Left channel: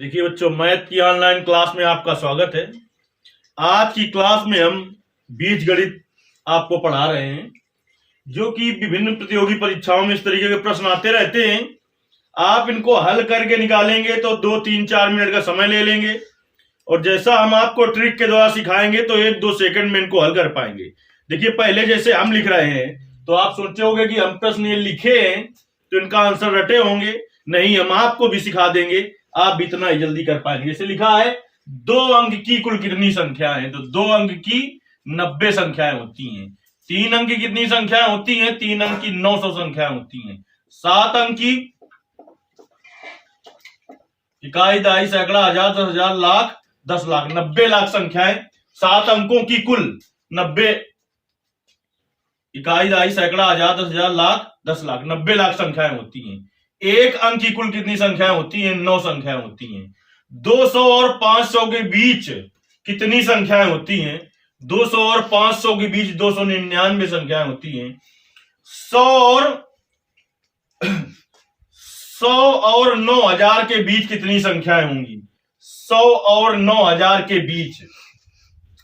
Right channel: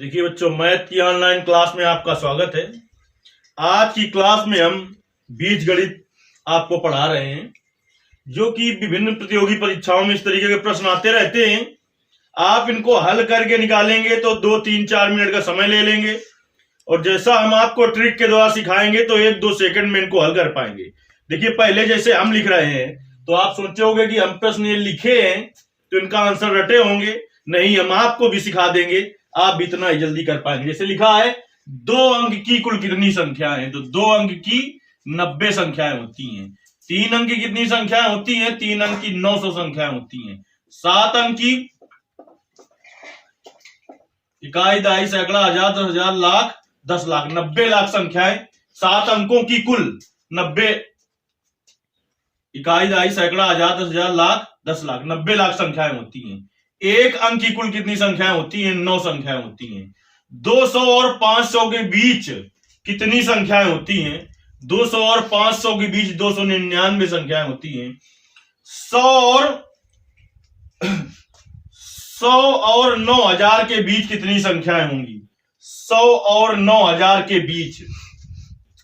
देखिए बच्चों, मैथ की ऑनलाइन क्लास में आपका स्वागत है। आज की क्लास में हम बीजगणित आपको पढ़ा रहे हैं, जो कि विभिन्न प्रतियोगी परीक्षाओं में इस तरीके के प्रश्न आते रहते हैं। आप इनको हल करके निकालेंगे तो 2-3-4 मिनट का समय ले लेंगे, और जैसा हम आपको ट्रिक के द्वारा सिखाएंगे तो 1-2 सेकंड में इनको हल कर पाएंगे। देखिए, पहले जैसे हम लिख रहे हैं तो आप सोचे होंगे कि हम प्रश्न ये लिखे हैं तो इनका आंसर रटे होंगे। नहीं, हम आपको भी सिखा देंगे, आप भी इतना ही जल्दी कर पाएंगे। जैसे लिखा है 2 अंक की कुल कितनी संख्याएं, तो 2 अंक की 90 संख्याएं होती हैं। 3 अंक की कितनी संख्याएं होती हैं? 3 अंक की 900 संख्याएं होती हैं। 7 अंक की इकाई, दहाई, सैकड़ा, हजार, 10,000, लाख, 10 लाख, 90 लाख संख्याएं। 7 अंकों की कुल 90 इकाई, दहाई, सैकड़ा, हजार, 10,000, लाख, 10 लाख, 90 लाख संख्याएं होती हैं। 1 अंक की कुल कितनी संख्याएं होती हैं? 9 संख्याएं होती हैं। 200 और 500 के बीच कितनी संख्याएं होती हैं? 200 और 500 के बीच 299 संख्याएं होती हैं। 100 और 9,000 के बीच कितनी संख्याएं होंगी? 100 और 9,000 के बीच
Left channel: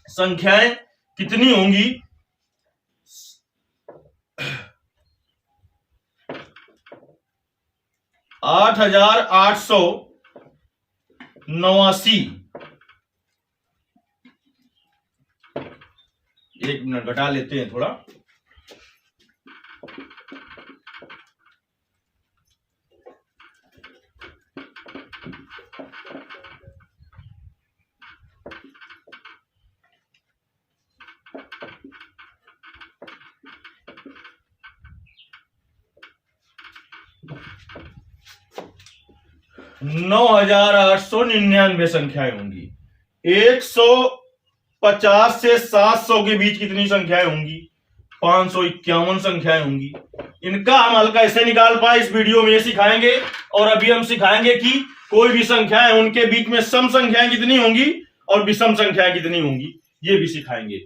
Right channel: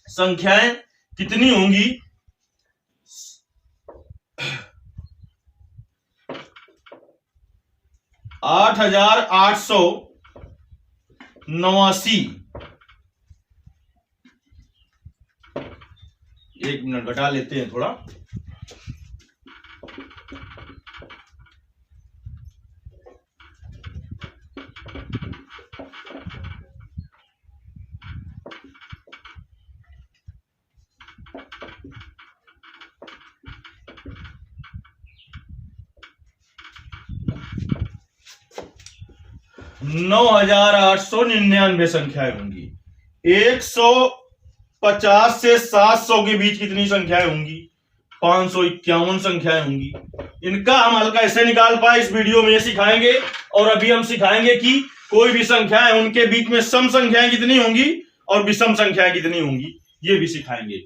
संख्याएं कितनी होंगी? 8,889। 1 मिनट घटा लेते हैं थोड़ा। नौ 9,899 संख्याएं होंगी। 150 से 700 के बीच कितनी संख्याएं होंगी? 551 संख्याएं होंगी। इनका हम हल कैसे निकाल पाए इस वीडियो में ये सिखाएंगे, और अभी हम सिखाएंगे कि कोई भी संख्या है उनके बीच में सम संख्याएं कितनी होंगी और विषम संख्याएं कितनी होंगी, ये भी सिखाएंगे।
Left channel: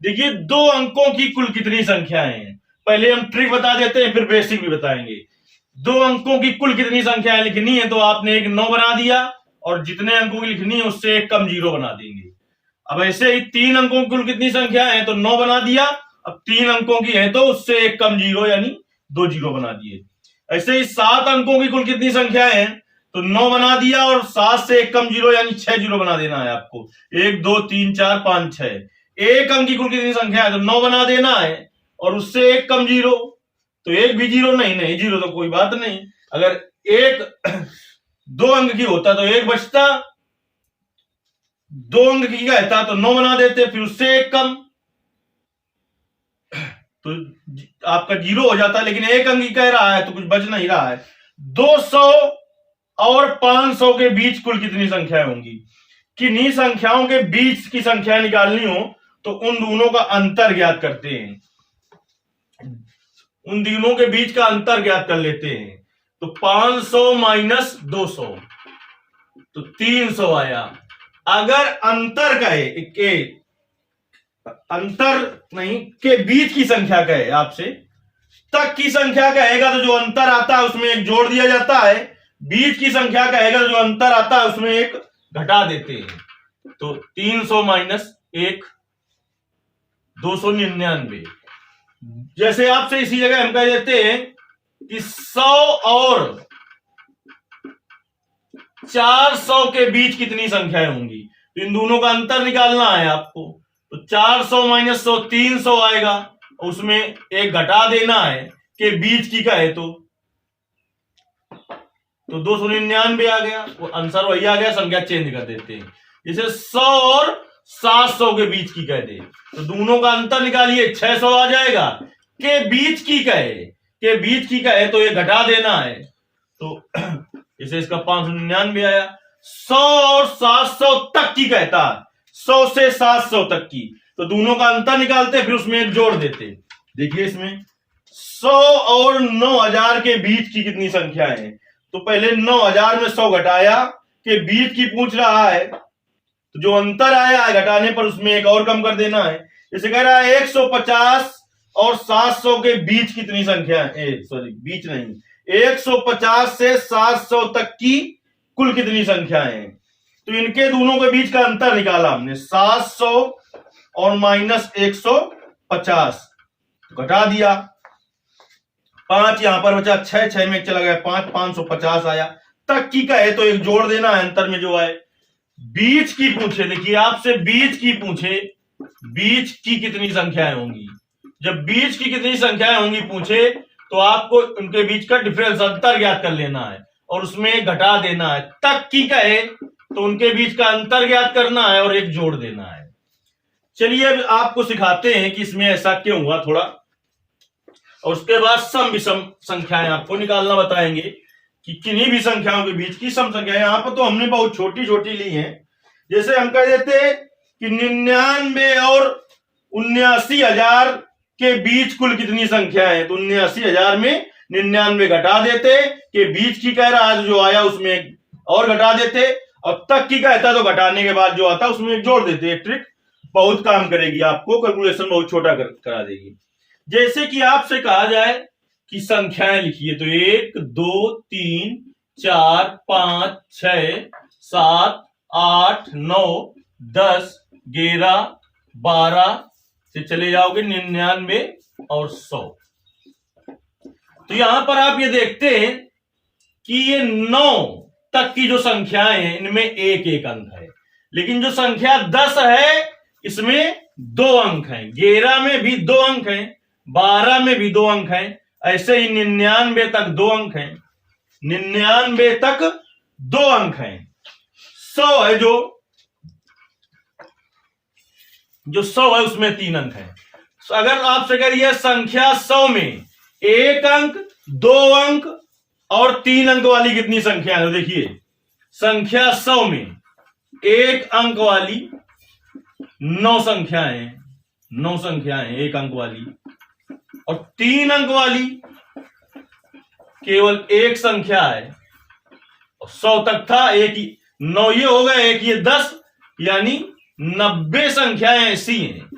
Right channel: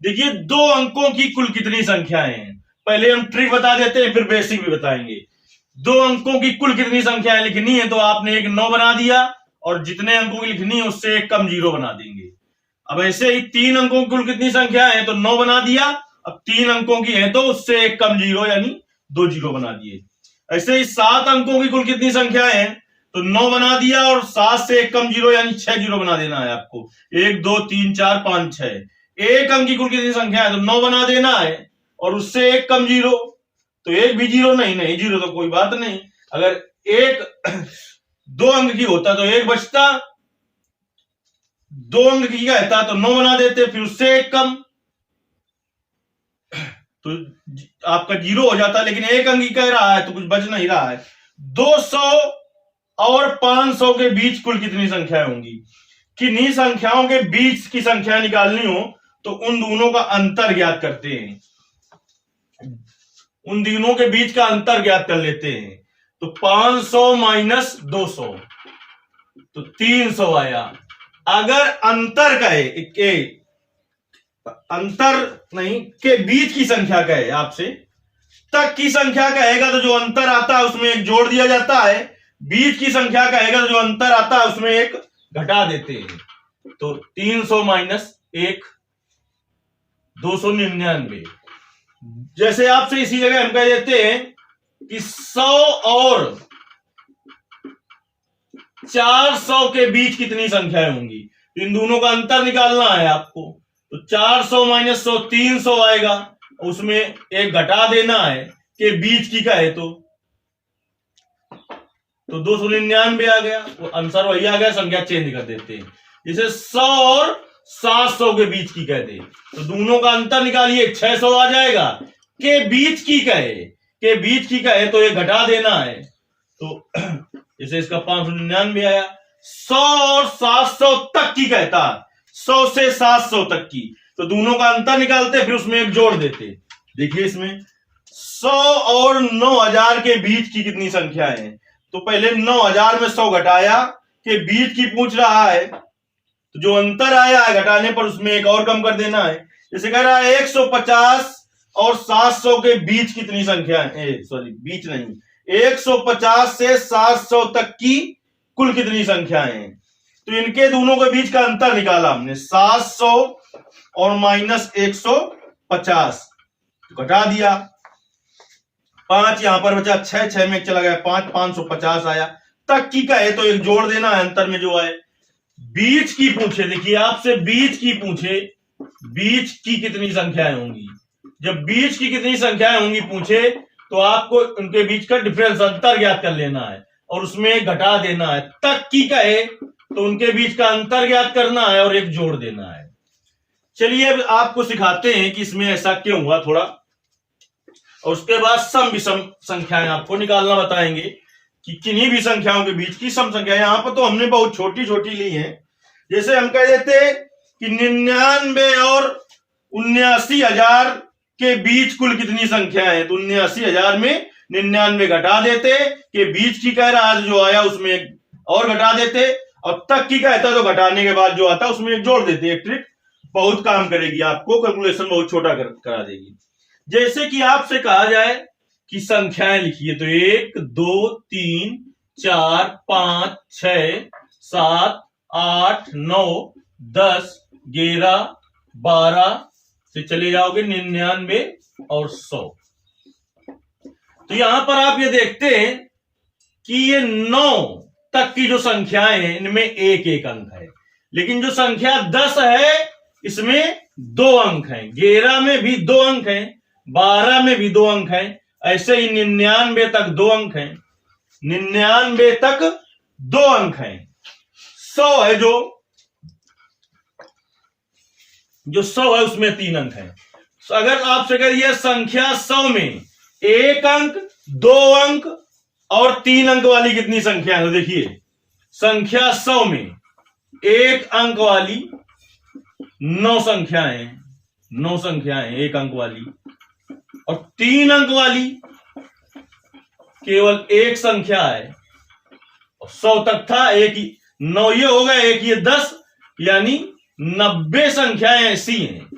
देखिए, 2 अंकों की कुल कितनी संख्याएं हैं, पहले हम ट्रिक बता देते हैं, फिर बेसिक भी बताएंगे। 2 अंकों की कुल कितनी संख्याएं लिखनी है, तो आपने एक 9 बना दिया, और जितने अंकों की लिखनी है उससे एक कम 0 बना देंगे। अब ऐसे ही 3 अंकों की कुल कितनी संख्या है, तो 9 बना दिया। अब 3 अंकों की है तो उससे एक कम 0 यानी 2 0 बना दिए। ऐसे ही 7 अंकों की कुल कितनी संख्या है, तो 9 बना दिया, और 7 से एक कम 0 यानी 6 0 बना देना है आपको। 1 2 3 4 5 6। 1 अंक की कुल कितनी संख्या है, तो 9 बना देना है, और उससे एक कम 0, तो एक भी 0 नहीं 0 तो कोई बात नहीं। अगर एक 2 अंक की होता तो एक बचता, 2 अंक की कहता तो 9 बना देते, फिर उससे एक कम, तो आपका 0 हो जाता। लेकिन 1 अंक की कह रहा है तो कुछ बच नहीं रहा है। 200 और 500 के बीच कुल कितनी संख्याएं होंगी? किन्हीं संख्याओं के बीच की संख्या निकालनी हो तो उन दोनों का अंतर ज्ञात करते हैं, उन दोनों के बीच का अंतर ज्ञात कर लेते हैं। तो 500 माइनस 200 तो 300 आया। अगर अंतर कहे के अंतर नहीं के बीच की संख्या कहे आपसे, तक की संख्या कहेगा तो जो अंतर आता है उसमें एक जोड़ दिया जाता है। बीच की संख्या कहेगा तो जो अंतर आता है उसमें एक घटा देते हैं। तो 300 माइनस 1 299। जैसे आपसे इसी जगह हम कह देते हैं कि 100 और 400 के बीच कितनी संख्याएं होंगी, तो इन दोनों का अंतर निकालना है आपको। तो 400 माइनस 100 300 आएगा, उसमें एक घटा देना है कि बीच की का है तो 299 आ गया, वो आंसर वही आ गया। संख्या चेंज कर देते हैं, जैसे 100 और 700 के बीच की कहते हैं, तो दोनों का अंतर निकालिए, 600 आ जाएगा। के बीच की कहे तो ये घटा देना है, तो जैसे इसका 599 आया। 100 और 700 तक की कहता है, 100 से 700 तक की, तो दोनों का अंतर निकालते फिर उसमें एक जोड़ देते। देखिए इसमें 100 और 9,000 के बीच की कितनी संख्या है, तो पहले 9,000 में 100 घटाया, के बीच की पूछ रहा है, तो जो अंतर आया है घटाने पर उसमें एक और कम कर देना है। जैसे कह रहा है 150 और 700 के बीच कितनी संख्या है, सॉरी बीच नहीं, 150 से 700 तक की कुल कितनी संख्याएं हैं। तो इनके दोनों के बीच का अंतर निकाला हमने, 700 और माइनस 150, तो घटा दिया। 5 यहां पर बचा, 6 में चला गया 5, 550 आया। तक की का है तो एक जोड़ देना है अंतर में जो आए। बीच की पूछे, देखिए आपसे बीच की पूछे, बीच की कितनी संख्याएं होंगी। जब बीच की कितनी संख्याएं होंगी पूछे तो आपको उनके बीच का डिफरेंस अंतर ज्ञात कर लेना है और उसमें घटा देना है। तक की का है तो उनके बीच का अंतर ज्ञात करना है और एक जोड़ देना है। चलिए अब आपको सिखाते हैं कि इसमें ऐसा क्यों हुआ थोड़ा, और उसके बाद सम विषम संख्याएं आपको निकालना बताएंगे कि किन्हीं भी संख्याओं के बीच की सम संख्या। यहां पर तो हमने बहुत छोटी छोटी ली हैं, जैसे हम कह देते कि 99 और 79,000 के बीच कुल कितनी संख्या है, तो 79,000 में 99 घटा देते, के बीच की कह रहा है जो आया उसमें और घटा देते, और तक की कहता तो घटाने के बाद जो आता उसमें एक जोड़ देते। एक ट्रिक बहुत काम करेगी, आपको कैलकुलेशन बहुत छोटा करा देगी। जैसे कि आपसे कहा जाए कि संख्याएं लिखिए, तो 1 2 3 4 5 6 7 8 9 10 11 12 से चले जाओगे 99 और 100। तो यहां पर आप ये देखते हैं कि ये 9 तक की जो संख्याएं हैं इनमें एक एक अंक है, लेकिन जो संख्या 10 है इसमें 2 अंक हैं। 11 में भी 2 अंक हैं, 12 में भी 2 अंक हैं, ऐसे ही 99 तक 2 अंक हैं, 99 तक 2 अंक हैं। 100 है जो 100 है उसमें 3 अंक हैं। तो अगर आपसे करिए संख्या 100 में 1 अंक 2 अंक और 3 अंक वाली कितनी संख्या है, तो देखिए संख्या 100 में 1 अंक वाली 9 संख्याएं, 9 संख्याएं 1 अंक वाली, और 3 अंक वाली केवल 1 संख्या है। 100 तक था, एक ही 9 ये हो गया, एक ये 10, यानी 90 संख्याएं ऐसी हैं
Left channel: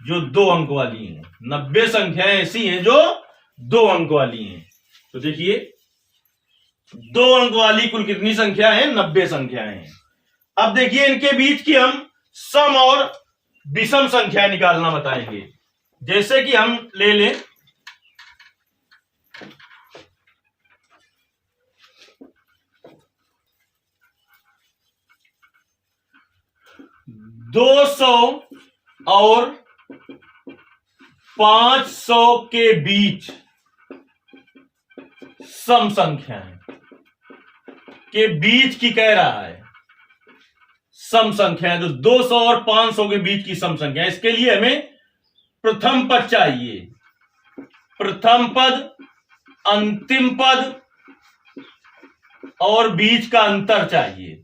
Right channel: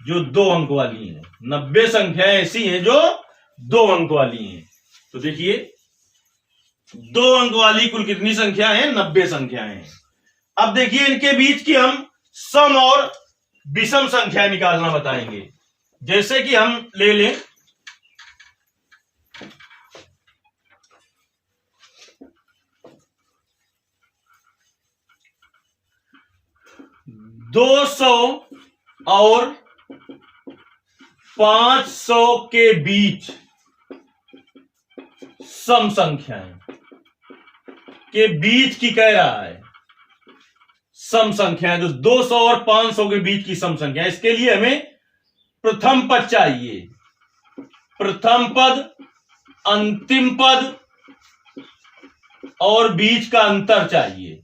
जो 2 अंक वाली हैं। 90 संख्याएं ऐसी हैं जो 2 अंक वाली हैं। तो देखिए 2 अंक वाली कुल कितनी संख्या है, 90 संख्याएं हैं। अब देखिए इनके बीच की हम सम और विषम संख्या निकालना बताएंगे। जैसे कि हम ले लें 200 और 500 के बीच सम संख्याएं के बीच की कह रहा है सम संख्याएं, तो 200 और 500 के बीच की सम संख्या। इसके लिए हमें प्रथम पद चाहिए, प्रथम पद, अंतिम पद और बीच का अंतर चाहिए।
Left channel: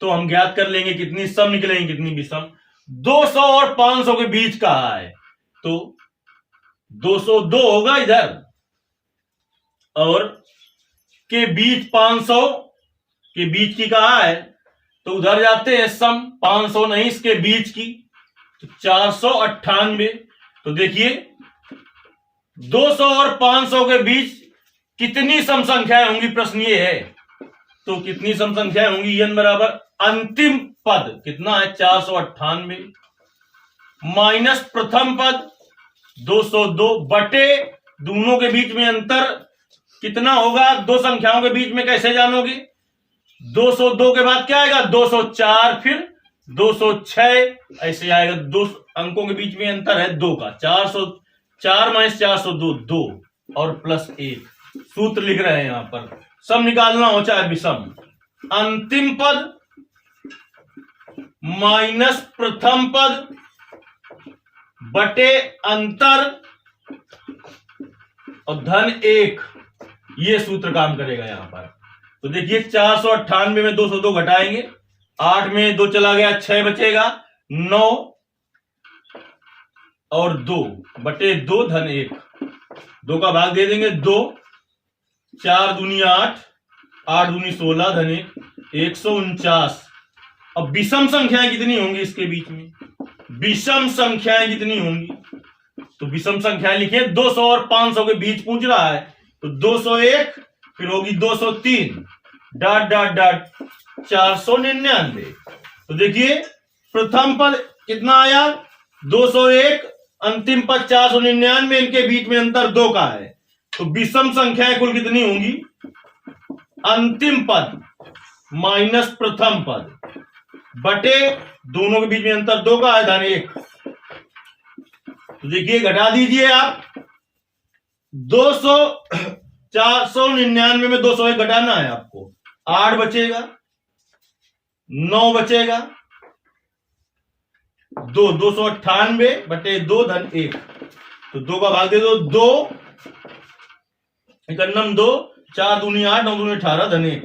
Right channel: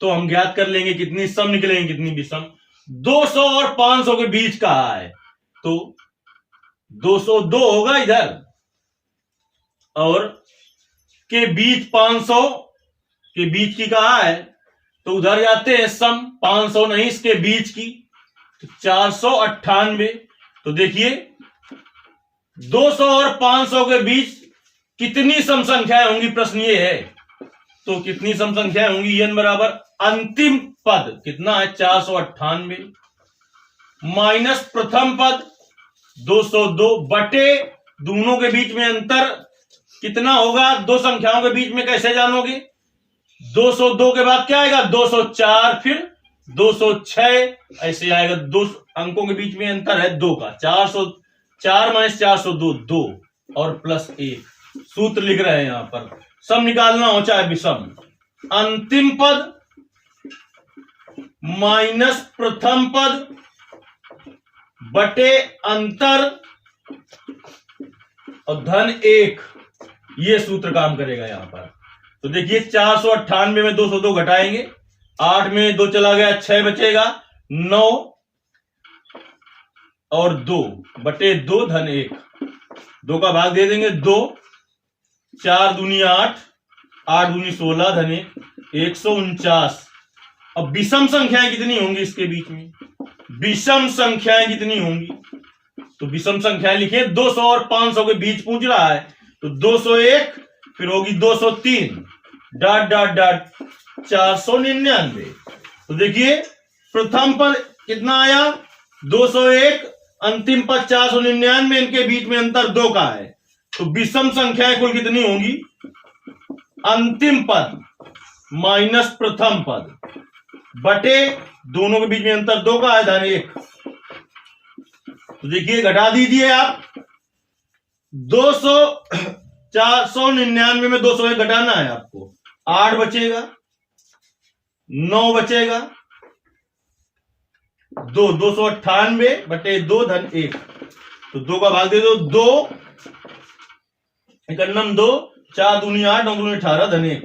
तो हम ज्ञात कर लेंगे कितनी सम निकलेंगे कितनी विषम। 200 और 500 के बीच कहा है तो 202 होगा इधर, और के बीच 500 के बीच की कहा है तो उधर जाते हैं सम, 500 नहीं इसके बीच की, तो 498। तो देखिए 200 और 500 के बीच कितनी सम संख्याएं होंगी, प्रश्न ये है। तो कितनी सम संख्याएं होंगी, n बराबर अंतिम पद कितना है 498 माइनस प्रथम पद 202 बटे दोनों के बीच में अंतर कितना होगा, दो संख्याओं के बीच में कैसे जानोगे, 202 के बाद क्या आएगा 204, फिर 206 ऐसे आएगा। 2 अंकों के बीच में अंतर है 2 का, 404 माइनस 402 2 और प्लस 1। सूत्र लिख रहे हैं यहां पर, सम निकालना हो चाहे विषम, अंतिम पद माइनस प्रथम पद बटे अंतर और धन 1, ये सूत्र काम करेगा यहां पर। तो देखिए 498 में 202 घटाएंगे, 8 में 2 चला गया, 6 बचेगा, 9 और 2 बटे 2 धन 1, 2 का भाग दे देंगे 2, 4 दूनी 8, 8 दूनी 16 धन 1, 149। अब विषम संख्याएं कितनी होंगी इसके बीच में, विषम संख्याएं कितनी होंगी, तो विषम संख्याएं लिखिए 200 और 500 के बीच पूछ रहा है, तो 201, फिर होगी 203, डॉट डॉट डॉट 499। तो देखिए प्रथम पद कितना आया 201, अंतिम पद 499, इनके बीच में अंतर 2 का है। तो विषम संख्याएं कुल कितनी होंगी, अंतिम पद माइनस प्रथम पद बटे दोनों के बीच में अंतर 2 का है, धन 1। तो देखिए घटा दीजिए आप 200 499 में 201 घटाना है आपको, 8 बचेगा, 9 बचेगा, 298 बटे 2 धन 1। तो 2 का भाग दे दो, 2 इकन्नम 2, 4 दूनी 8, 9 दूनी 18 धन 1,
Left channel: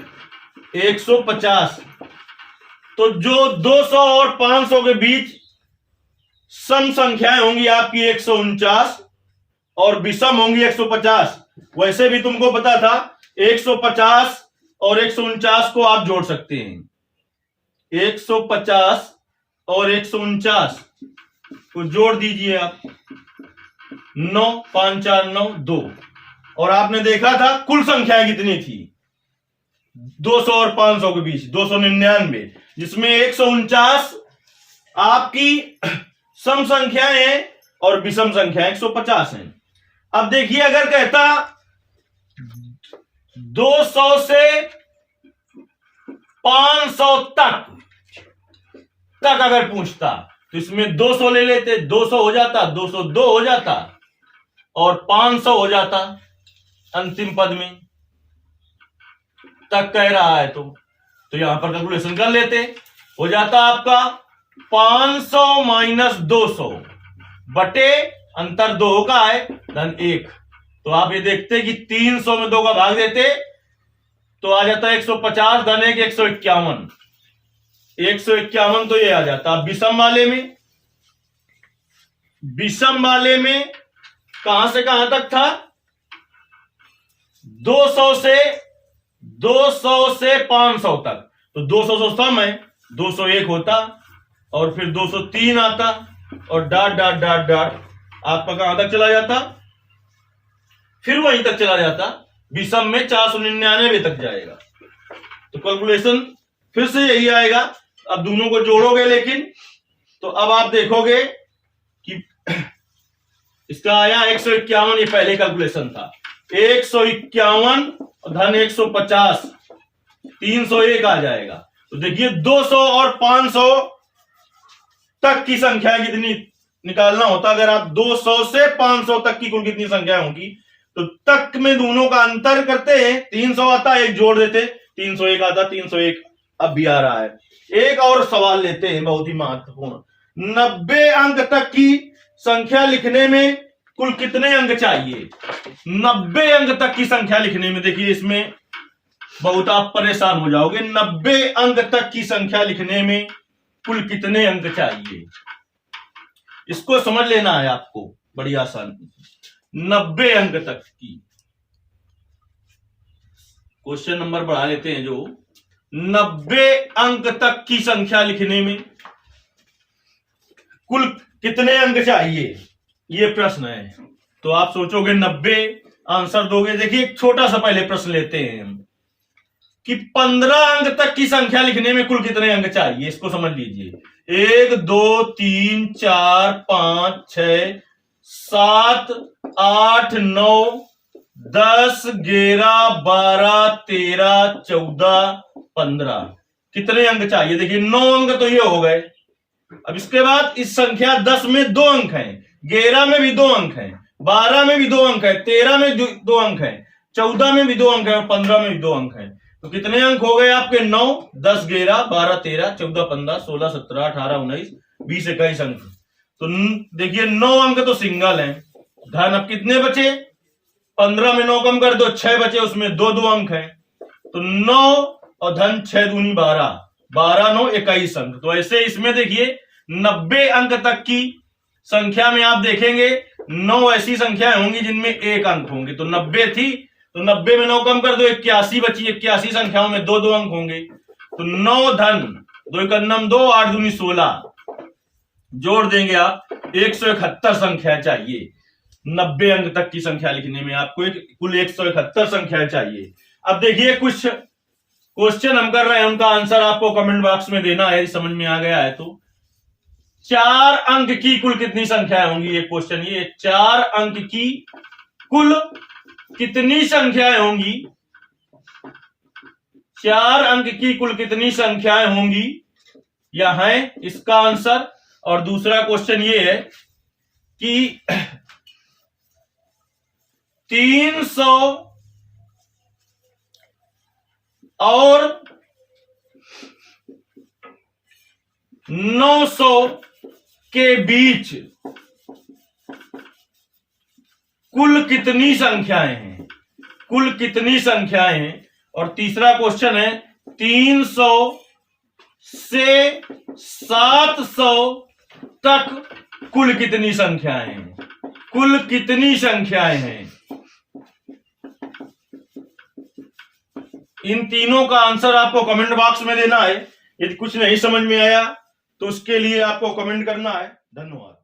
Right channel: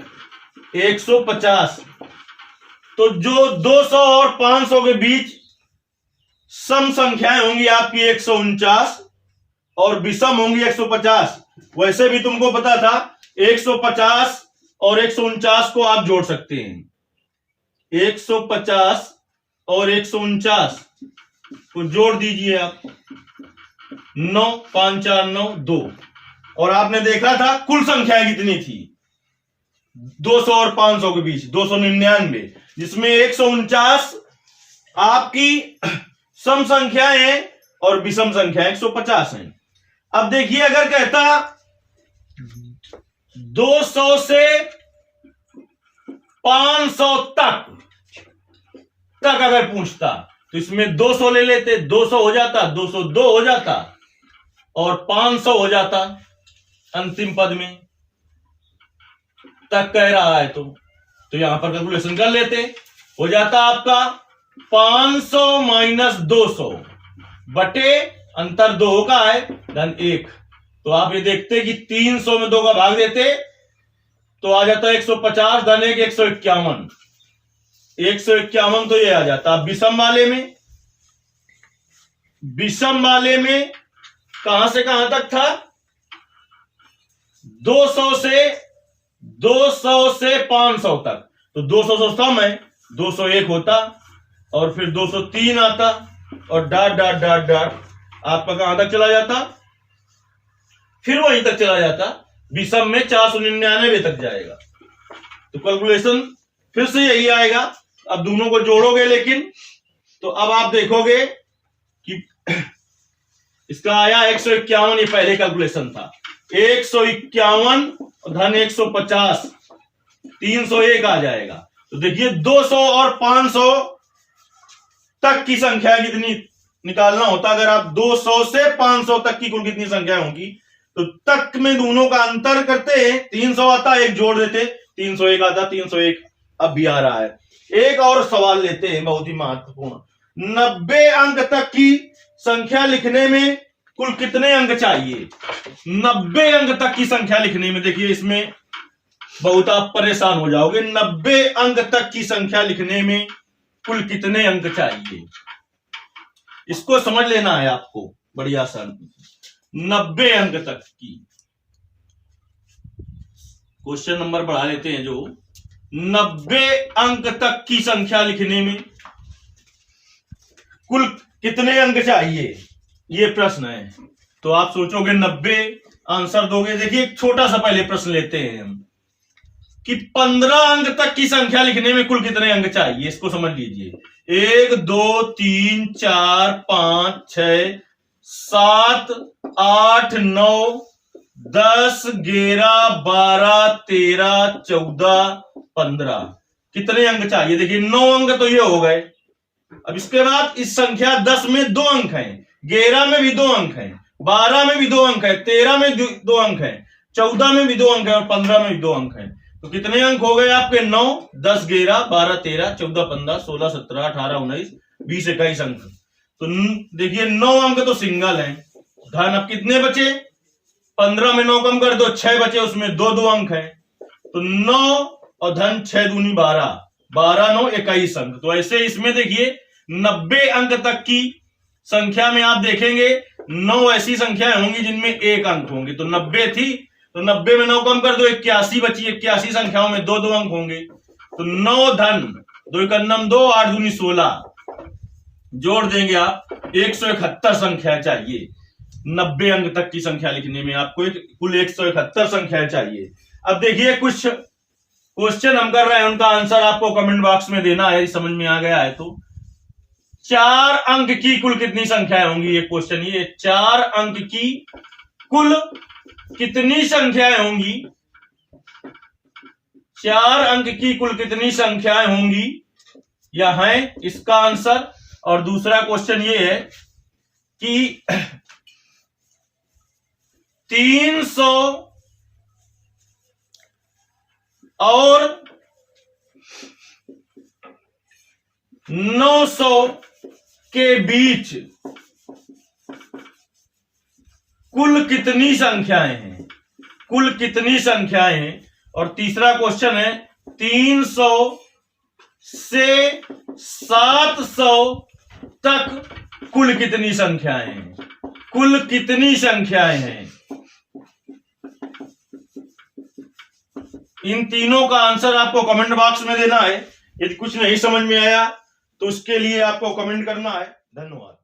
150। तो जो 200 और 500 के बीच सम संख्याएं होंगी आपकी 149 और विषम होंगी 150। वैसे भी तुमको पता था 150 और 149 को आप जोड़ सकते हैं। 150 और 149 को जोड़ दीजिए आप, 9 5 4 9 2। और आपने देखा था कुल संख्याएं कितनी थी 200 और 500 के बीच 299, जिसमें 149 आपकी सम संख्याएं हैं और विषम संख्याएं 150 हैं। अब देखिए अगर कहता 200 से 500 तक अगर पूछता तो इसमें 200 ले लेते, 200 हो जाता, 202 हो जाता और 500 हो जाता अंतिम पद में, तक कह रहा है तो यहां पर कैलकुलेशन कर लेते, हो जाता आपका 500 माइनस 200 बटे अंतर 2 का है धन 1। तो आप ये देखते कि 300 में 2 का भाग देते तो आ जाता 150 धन 1 151, 151 तो ये आ जाता। विषम वाले में कहां से कहां तक था 200 से 500 तक, तो 200 से सम है 201 होता और फिर 203 आता और डॉट डॉट डॉट डॉट आपका कहां तक चला जाता, फिर वहीं तक चला जाता, विषम में 499 तक जाएगा। तो कैलकुलेशन फिर से यही आएगा। अब दोनों को जोड़ोगे लेकिन तो अब आप देखोगे कि इसका आया 151, ये पहले कैलकुलेशन था, 151 धन 150 301 आ जाएगा। तो देखिए 200 और 500 तक की संख्या कितनी निकालना होता, अगर आप 200 से 500 तक की कुल कितनी संख्या होंगी, तो तक में दोनों का अंतर करते हैं, 300 आता, एक जोड़ देते, 301 आता, 301 अब भी आ रहा है। एक और सवाल लेते हैं बहुत ही महत्वपूर्ण, 90 अंक तक की संख्या लिखने में कुल कितने अंक चाहिए। 90 अंक तक की संख्या लिखने में देखिए इसमें बहुत आप परेशान हो जाओगे, 90 अंक तक की संख्या लिखने में कुल कितने अंक चाहिए, इसको समझ लेना है आपको बड़ी आसान। 90 अंक तक की क्वेश्चन नंबर बढ़ा लेते हैं, जो 90 अंक तक की संख्या लिखने में कुल कितने अंक चाहिए, ये प्रश्न है। तो आप सोचोगे 90 आंसर दोगे। देखिए एक छोटा सा पहले प्रश्न लेते हैं हम कि 15 अंक तक की संख्या लिखने में कुल कितने अंक चाहिए, इसको समझ लीजिए। 1 2 3 4 5 6 7 8 9 10 11 12 13 14 15 कितने अंक चाहिए। देखिए 9 अंक तो ये हो गए। अब इसके बाद इस संख्या 10 में 2 अंक हैं, 11 में भी 2 अंक हैं, 12 में भी 2 अंक है, 13 में 2 अंक है, 14 में भी 2 अंक है और 15 में भी 2 अंक है। तो कितने अंक हो गए आपके 9 10 11 12 13 14 15 16 17 18 19 20 21 अंक। तो देखिए 9 अंक तो सिंगल हैं। धन अब कितने बचे, 15 में 9 कम कर दो, 6 बचे, उसमें 2 अंक हैं। तो 9 और धन 6 दूनी 12, 12 9 21 अंक। तो ऐसे इसमें देखिए 90 अंक तक की संख्या में आप देखेंगे 9 ऐसी संख्याएं होंगी जिनमें 1 अंक होंगे। तो 90 थी तो 90 में 9 कम कर दो, 81 बची, 81 संख्याओं में 2 अंक होंगे। तो 9 धन 2 एकन्नम 2 8 दूनी 16 जोड़ देंगे आप, 171 संख्या चाहिए। 90 अंक तक की संख्या लिखने में आपको कुल 171 संख्या चाहिए। अब देखिए कुछ क्वेश्चन हम कर रहे हैं, उनका आंसर आपको कमेंट बॉक्स में देना है, समझ में आ गया है तो। 4 अंक की कुल कितनी संख्याएं होंगी, ये क्वेश्चन, ये 4 अंक की कुल कितनी संख्याएं होंगी, 4 अंक की कुल कितनी संख्याएं होंगी, यह है इसका आंसर। और दूसरा क्वेश्चन ये है कि 300 और 900 के बीच कुल कितनी संख्याएं हैं, कुल कितनी संख्याएं हैं। और तीसरा क्वेश्चन है 300 से 700 तक कुल कितनी संख्याएं हैं, कुल कितनी संख्याएं हैं। इन तीनों का आंसर आपको कमेंट बॉक्स में देना है। यदि कुछ नहीं समझ में आया तो उसके लिए आपको कमेंट करना है। धन्यवाद।